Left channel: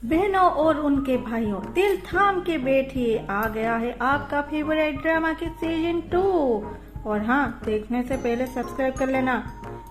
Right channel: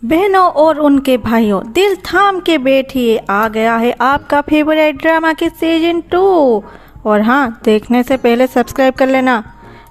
बहनों और उनके भाइयों, दिल थाम के बैठिए, आ गया है आपका फेवरेट ड्रामा के सीजन 2। और हाँ, देखने से पहले सब्सक्राइब कर लेना।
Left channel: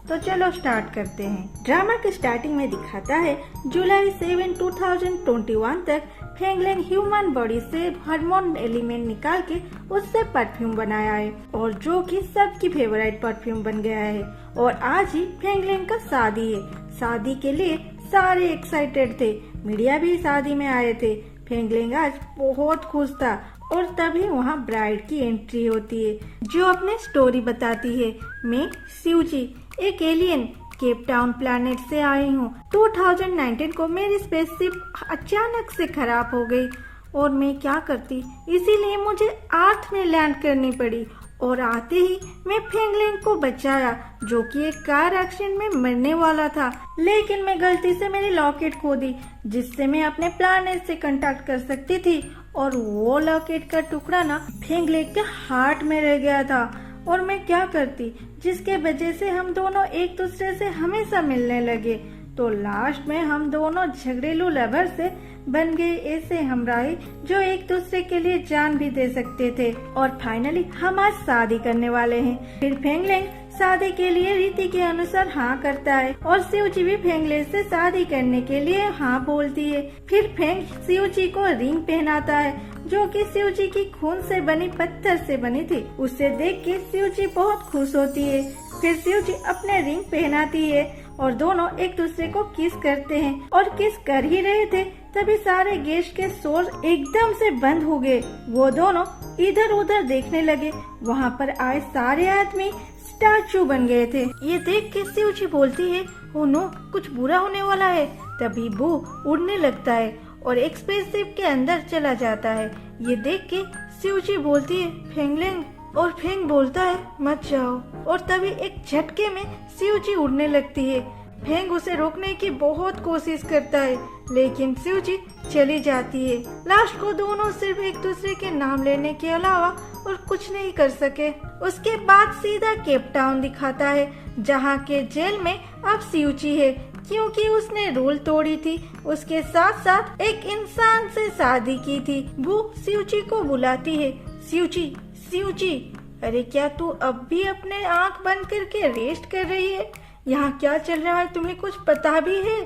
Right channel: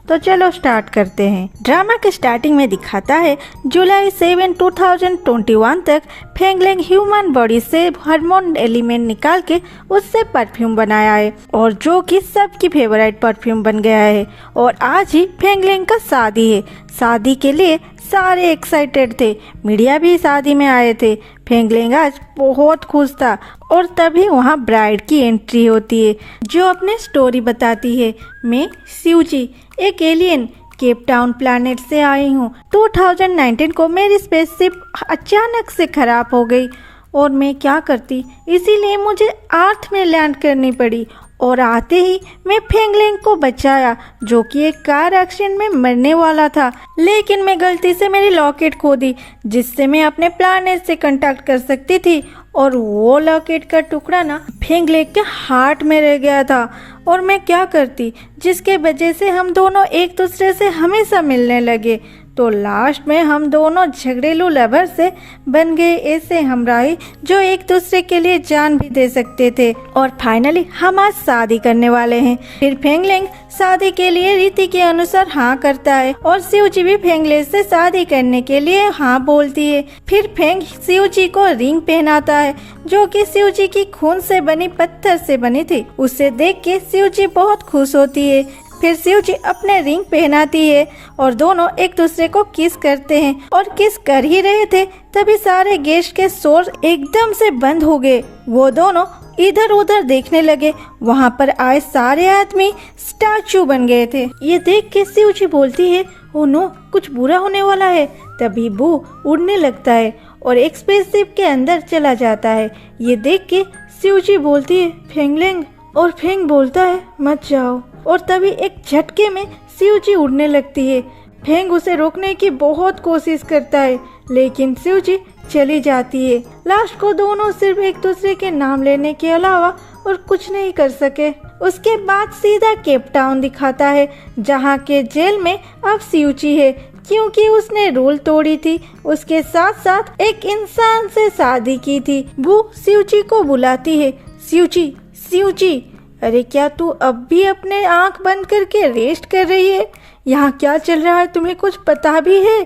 तो चलो स्टार्ट करते हैं। ड्रामा के स्टार्टिंग में दिखाता है जुलाई 7, 2021 तक फेंगलेंग ह्यूमन बॉडी से हार्मोन एलिमेंट निकाल के उससे परफ्यूम बनाया है, और जो कि सबकी फेवरेट परफ्यूम बन गया है। और आज ही फेंगलेंग का शादी है। शादी के लिए सारे एक्साइटेड थे, मीडिया भी शादी में आए थे। फेंगलेंग आज बहुत खुश था, और तभी वहाँ ब्राइड की एंट्री होती है, जो अपने स्टोरी बताती है। मैं सिउजी, एक एलियन, केप टाउन प्लैनेट से आई हूँ। 2019 को मेरी स्पेसशिप अचानक से खराब हो गई और मैं क्या करती, इसीलिए मुझे अर्थ में लैंड करनी पड़ी। और आते ही मैं फेंगलेंग को बचाया, जो कि एक कार एक्सीडेंट में मरने वाला था। लेकिन मैं गलती से मेरी लॉकेट खो दी, जिससे मैं अपने प्लैनेट से कांटेक्ट कर सकती थी। और वो लॉकेट का टुकड़ा ना फेंगलेंग के हार्ट में रह गया था। और मैं क्या करती, जिसके वजह से हम दोनों एक दूसरे से हमेशा मिलने लगे। तो लास्ट में हम दोनों झगड़ेलू लवर से बन गए ऐसे हमराही, जो एक दूसरे के लिए जान भी दे सकते थे। और फाइनली हम आज शादी करने वाले हैं। फिर फेंगलेंग शादी के लिए रीति के अनुसार हाँ करता है, और सिउजी भी फेंगलेंग से शादी करने के लिए हाँ बोलती है। फिर फेंग सिउजी को रिंग पहनाता है, जो कि सिउजी की खून से बनी पत्थर से बनी थी। उसे देख के सिउजी बहुत खुश होती है। फिर सिउजी अपने रिंग पहनाती है, और दोनों एक दूसरे को किस करते हैं। और किस कर ही रहे थे, तभी सारे गेस्ट के शोर एकदम से बंद हो गए। वो दोनों इधर उधर देखने लगे। वहाँ पर आए सारे आदमी स्टैचू बन गए थे। ये देख के सिउजी बोलती है, ओ नो, कुछ बुरा होने वाला है। तभी वो उड़ने लगता है और एक स्पेसशिप के अंदर चला जाता है। ये देख के सिउजी बोलती है, फेंगलेंग। और फेंग बोलता है, मत जाओ। और तभी एक झटके में सिउजी उड़ने लगती है। फेंग उसे रोकने की बहुत कोशिश करता है, लेकिन सिउजी चली जाती है। लास्ट को दोनों सिर्फ एक दूसरे के नाम लेने के अलावा और कुछ नहीं कर सके। उसके बाद सीधा केप टाउन दिखाता है, जहाँ के जेल में अब सिउजी है, क्योंकि उसने रूल तोड़ी थी। उसके साथ साथ एक इंसान से शादी की थी। वो सिउजी को बुलाती है, सिउजी, सिउजी, अरे क्या तू अब भी अपने आंख बंद करके रेस्ट कर रही है? यहाँ क्या चल रहा है, तुम्हें कुछ पता भी है?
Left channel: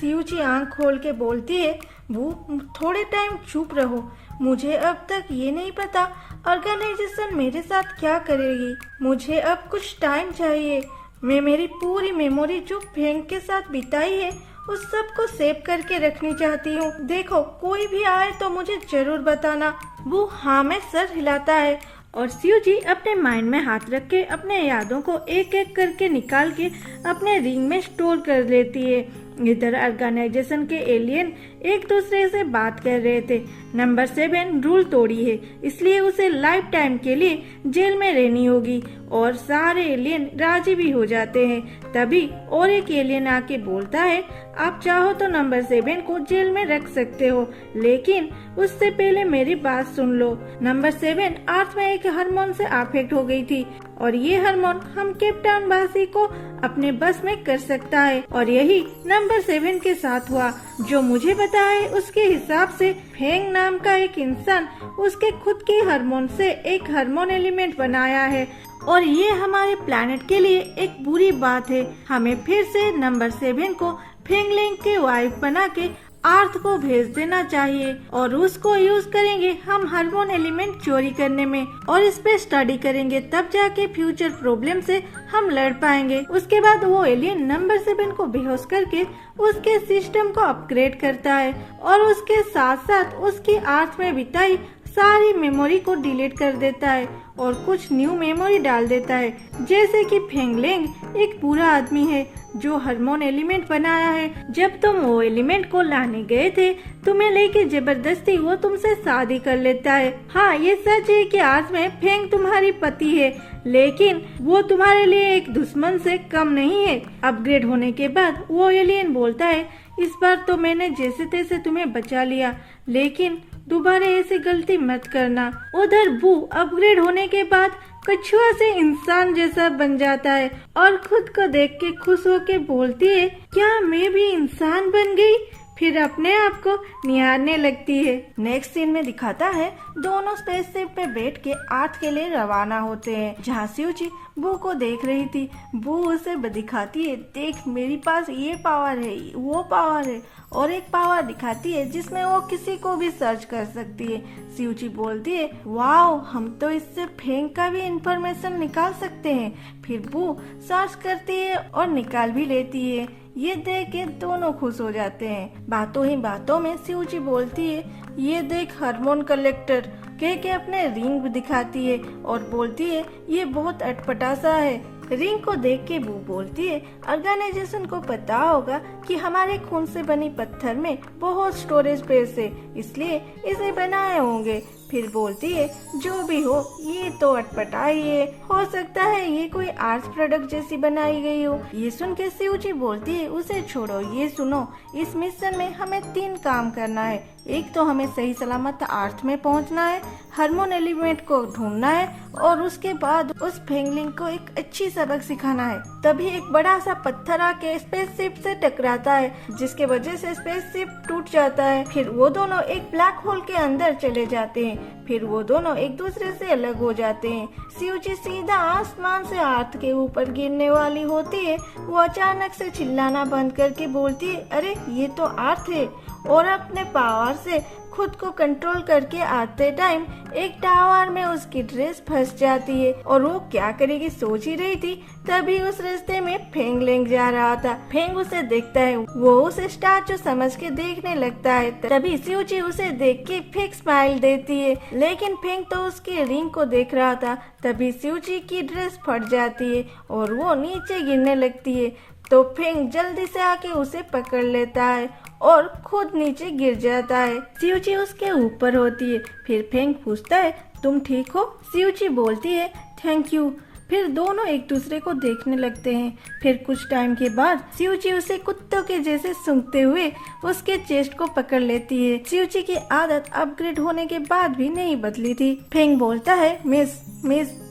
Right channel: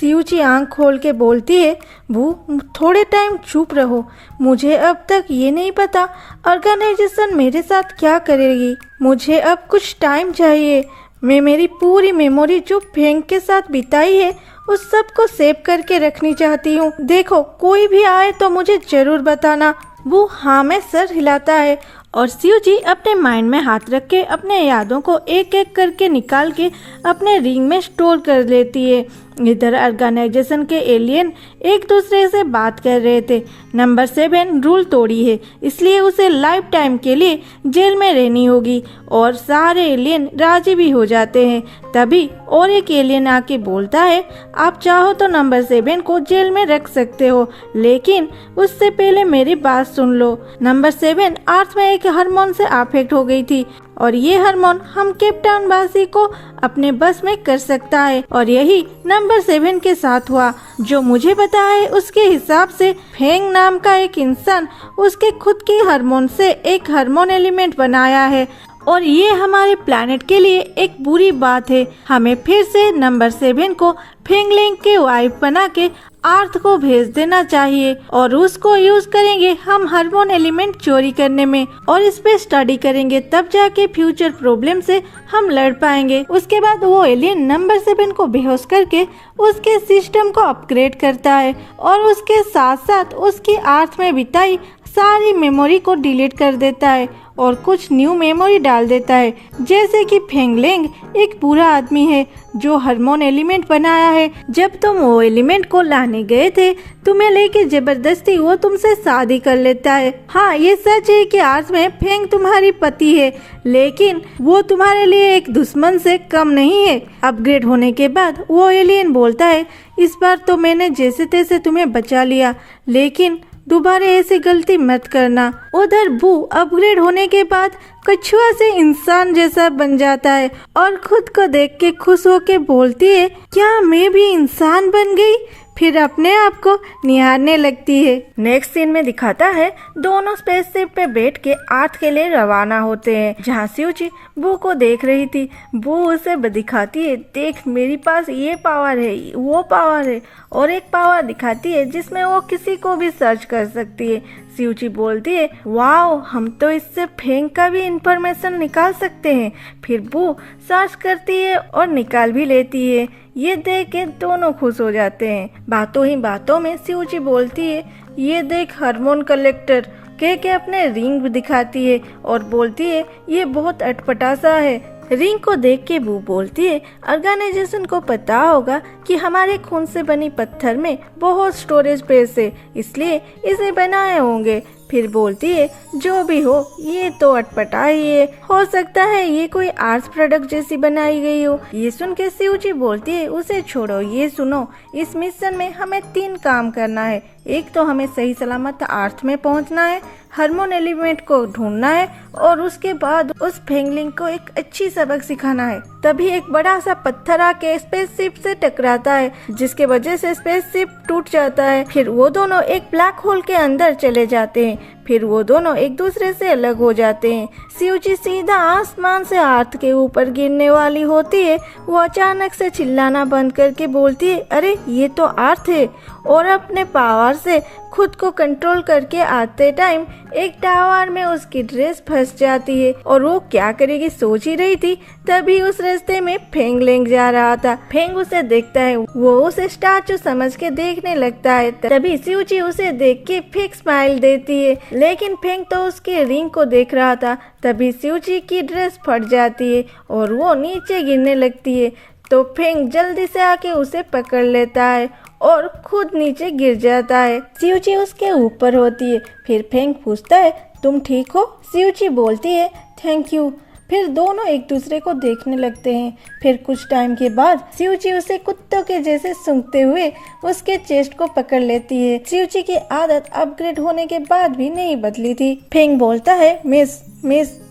सिउजी आंख खोल के बोलती है, वो थोड़े टाइम चुप रहो, मुझे अब तक ये नहीं पता ऑर्गेनाइजेशन मेरे साथ क्या करेगी। मुझे अब कुछ टाइम चाहिए। मैं मेरी पूरी मेमोरी जो फेंग के साथ बिताई है, उस सब को सेव करके रखनी चाहती हूँ। देखो, कोई भी आए तो मुझे जरूर बताना। वो हाँ में सर हिलाता है, और सिउजी अपने माइंड में हाथ रख के अपने यादों को एक एक करके निकाल के अपने रिंग में स्टोर कर लेती है। इधर ऑर्गेनाइजेशन के एलियन एक दूसरे से बात कर रहे थे। नंबर 7 रूल तोड़ी है, इसलिए उसे लाइफ टाइम के लिए जेल में रहनी होगी। और सारे एलियन राजी भी हो जाते हैं। तभी और एक एलियन आके बोलता है, आप चाहो तो नंबर 7 को जेल में रख सकते हो, लेकिन उससे पहले मेरी बात सुन लो। नंबर 7 अर्थ में एक हार्मोन से अफेक्ट हो गई थी, और ये हार्मोन हम केप टाउन वासी को अपने बस में कर सकता है। और यही नंबर 7 के साथ हुआ। जो मुझे पता है उसके हिसाब से फेंग नाम का एक इंसान उसके खुद की हार्मोन से एक हार्मोन एलिमेंट बनाया है, और ये हमारे प्लैनेट के लिए एक बुरी बात है। हमें फिर से नंबर 7 को फेंगलेंग के वाइफ बना के अर्थ को भेज देना चाहिए, और उसको यूज करेंगे हम हार्मोन एलिमेंट चोरी करने में, और इस पे स्टडी करेंगे, तब जाके फ्यूचर प्रॉब्लम से हम लड़ पाएंगे। उसके बाद वो एलियन नंबर 7 को बेहोश करके उसके सिस्टम को अपग्रेड करता है, और उसके साथ साथ उसकी अर्थ में बिताई सारी मेमोरी को डिलीट कर देता है, और कुछ न्यू मेमोरी डाल देता है। जैसे कि फेंगलेंग एक बुरा आदमी है, जो हार्मोन एलिमेंट बनाया है। जब तुम वो एलिमेंट को लाने गए थे, तुम्हें लेके जबरदस्ती वो तुमसे शादी कर लेता है। हाँ, ये सच है कि आज में फेंग तुम्हारी पति है, लेकिन वो तुम्हारे लिए एक दुश्मन से कम नहीं है। अपग्रेड होने के बाद वो एलियन बोलता है, इस बार तो मैंने जैसे तैसे तुम्हें बचा लिया, लेकिन दोबारा ऐसी गलती मत करना। उधर वो अपग्रेड होने के बाद कछुआ से इंसान जैसा बन जाता है, और खुद को देख के खुश होके बोलती है, क्या मैं भी इंसान बन गई? फिर अपने आप को निहारने लगती है। नेक्स्ट सीन में दिखाता है दोनों स्पेसशिप पे बैठ के अर्थ के लिए रवाना होते हैं, जहाँ स्यूची बू को देख रही थी। बू उसे दिखाती है, देख मेरे पास ये पावर है, वो पावर है, और एक पावर दिखाती है जिसमें वो किसी को भी सर्च कर सकती है। स्यूची बोलती है, वाओ, हम तो इससे फेंग का भी इंफॉर्मेशन निकाल सकते हैं। फिर बू सर्च करती है और निकाल भी लेती है। ये देख के दोनों खुश हो जाते हैं। बातों ही बातों में स्यूची बोलती है, ये देख हार्मोन कलेक्टर, कह के अपने रिंग भी दिखाती है और बोलती है ये बहुत अटपटा सा है। रिंग को देख के बू बोलती है, ऑर्गेनाइजेशन को पता होगा कि हमारे खून से बनी पत्थर में बहुत स्टोरेज स्पेस है, इसलिए इसे बनाए होंगे। फिर बोलती है, जो भी हो ये तो अटपटा ही है, हो सकता है ये कोई आर्ट्स प्रोडक्ट जैसी बनाई गई हो। ये सुन के स्यूची बोलती है, उसे छोड़ो, ये सुनो, इस मिशन में हमें 3 काम करना है। एक तो हमें सही सलामत अर्थ में पहुंचना है, हार्मोन एलिमेंट को ढूंढना है और उसके बाद उस फेंगलिंग को एक अच्छी सबक सिखाना है। तभी एक बड़ा सा पत्थर आके स्पेसशिप से टकराता है, जिसके वजह से स्पेसशिप टूट जाता है। फिर वो दोनों एक ब्लैक होल के अंदर चले जाते हैं। फिर वो दोनों एक दूसरे से अलग हो जाते हैं। स्यूची सीधा आसमान से अर्थ के ऊपर गिरने वाली होती है। वो अचानक से चिल्लाना बंद करके बोलती है, अरे ये तो अर्थ है, और अपने पावर से खुद को कंट्रोल करके आते टाइम एक टावर में उसकी ड्रेस फंस जाती है और वो क्या करेगी सोच ही रही थी। तभी उस रास्ते में फेंग लेंग जा रहा था। फेंग उसे देखता है, वो उसे स्टैचू समझ के देखने लगता है। तभी स्यूची उसे देख के फेक स्माइल देती है, लेकिन फेंग तो उसके रिंग को देख रहा था। तभी स्यूची की ड्रेस फट जाती है और वो नीचे गिरने लगती है। तो फेंग जल्दी से आके उसे पकड़ लेता है और खुद नीचे गिर जाता है। स्यूची उसके ऊपर होती है। फिर फेंग पूछता है, तुम ठीक हो? स्यूची बोलती है, थैंक यू। फिर दोनों एक दूसरे को देखने लगते हैं। फिर कुछ टाइम के बाद स्यूची उसे कुत्तों के जैसे सूंघते हुए उसके चेस्ट को पकड़ लेती है। स्यूची की आदत अपग्रेड होने के बाद भी नहीं बदली थी। फेंग बोलता है, मिस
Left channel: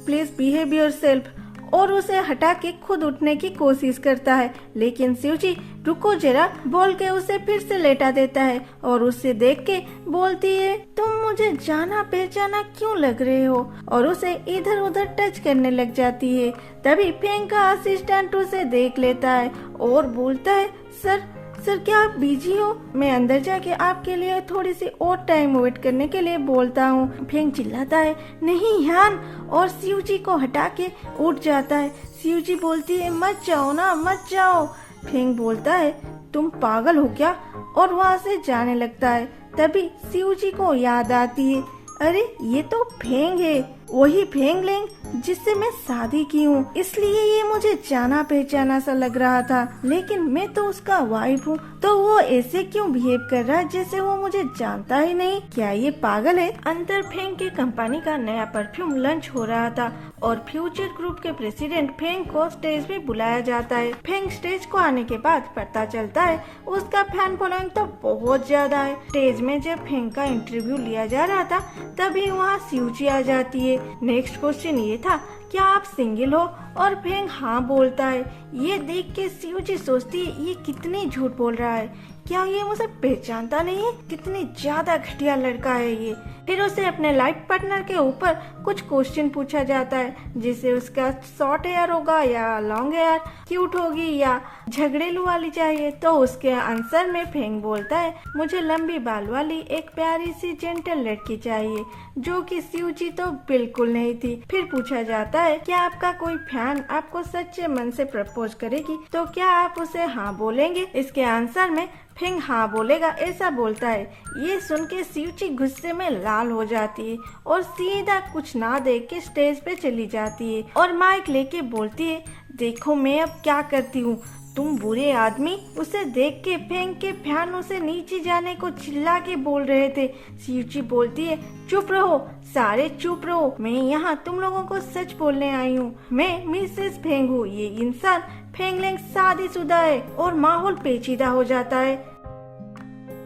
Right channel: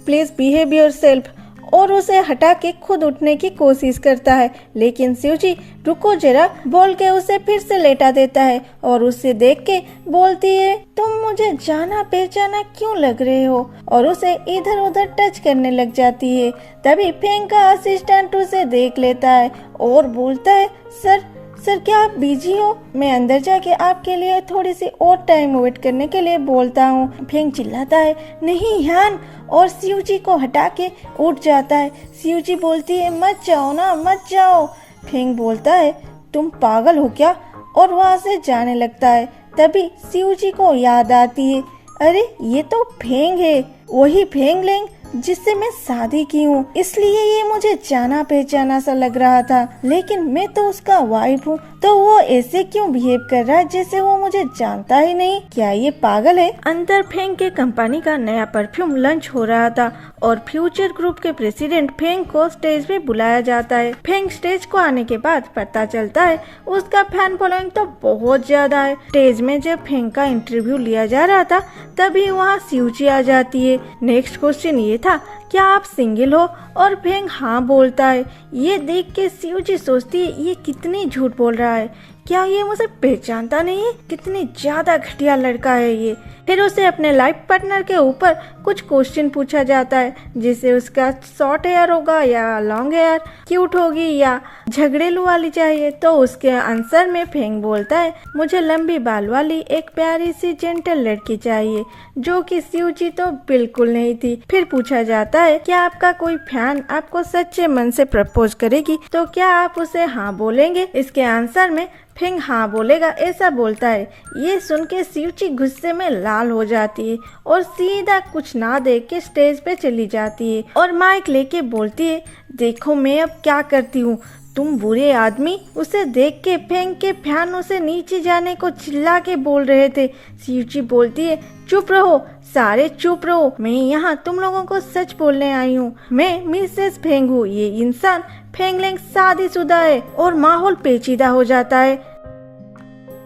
प्लीज बिहेव योरसेल्फ, और उसे हटा के खुद उठने की कोशिश करता है, लेकिन स्यूची रुको जरा बोल के उसे फिर से लेटा देता है और उसे देख के बोलती है, तुम मुझे जाना पहचाना क्यों लग रहे हो, और उसे इधर उधर टच करने लग जाती है। तभी फेंग का असिस्टेंट उसे देख लेता है और बोलता है, सर क्या आप बिजी हो? मैं अंदर जाके आपके लिए थोड़ी सी और टाइम वेट करने के लिए बोलता हूँ। फेंग चिल्लाता है, नहीं यान, और स्यूची को हटा के उठ जाता है। स्यूची बोलती है, मत जाओ ना, मत जाओ। फेंग बोलता है, तुम पागल हो क्या, और वहाँ से जाने लगता है। तभी स्यूची को याद आती है, अरे ये तो फेंग है, वही फेंग लेंग जिससे मैं शादी की हूँ, इसलिए ये मुझे जाना पहचाना सा लग रहा था, लेकिन मैं तो उसका वाइफ हूँ, तो वो ऐसे क्यों बिहेव कर रहा है जैसे वो मुझे जानता ही नहीं? क्या ये पागल है? अंदर फेंग के कंपनी का नया परफ्यूम लॉन्च हो रहा था और फ्यूचर ग्रुप के प्रेसिडेंट फेंग को स्टेज पे बुलाया जाता है। फेंग स्टेज को आने के बाद पता चलता है उसका फैन फॉलोइंग तो बहुत ज्यादा है। स्टेज में जब फेंग का इंटरव्यू लिया जा रहा था तभी वहाँ स्यूची आ जाती है। नेक्स्ट क्वेश्चन ये था, क्या आप सिंगल हो? और फेंग हाँ बोलता है। ये देख के स्यूची सोचती है, ये कितनी झूठ बोल रहा है, क्या ये मुझे पहचानता नहीं है? कितनी ज्यादा घटिया लड़का है ये। फिर उसे अपने लाइफ पार्टनर के ऊपर कुछ क्वेश्चन पूछा जाता है, जिसे उसका शॉर्ट हेयर होगा या लॉन्ग हेयर, क्यूट होगी या झगड़ेलू वाली चाहिए। तो उसके आंसर में फेंग बोलता है, मुझे लंबी बाल वाली एक प्यारी सी जेंटल लड़की चाहिए, जो कि स्यूची तो बिल्कुल नहीं थी। फिर पूछा जाता है, क्या आपका कोई फैन आपको सच्चे मन से प्रपोज करेगी तो क्या आप उसे हाँ बोलेंगे? इसके आंसर में फेंग हाँ बोलेगा ऐसा बोलता है। ये सुन के स्यूची गुस्से में लाल हो जाती है और सीधा कुछ ना देख के स्टेज पे चली जाती है और माइक लेके बोलती है, देखो मैं अब क्या करती हूँ, तुम बुरे आदमी। उसे देख के फेंग के फैन उसे नीचे जाने को चिल्ला के बोल रहे थे। स्यूची बोलती है, चुप रहो, सारे चुप रहो, मैं यहाँ तुम लोगों को सच बोलने आई हूँ। मैं मिसेस फेंग हूँ, ये इंसान फेंगलेंग शादीशुदा है। और माहौल पेचीदा हो जाता है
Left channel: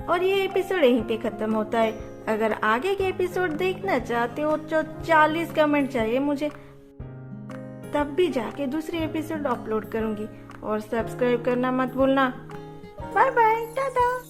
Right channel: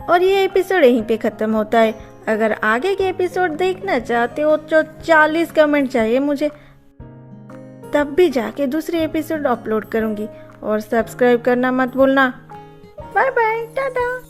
और ये एपिसोड यहीं पे खत्म होता है। अगर आगे के एपिसोड देखना चाहते हो तो 40 कमेंट चाहिए मुझे, तब भी जाके दूसरी एपिसोड अपलोड करूंगी। और सब्सक्राइब करना मत भूलना। Bye bye, Tata.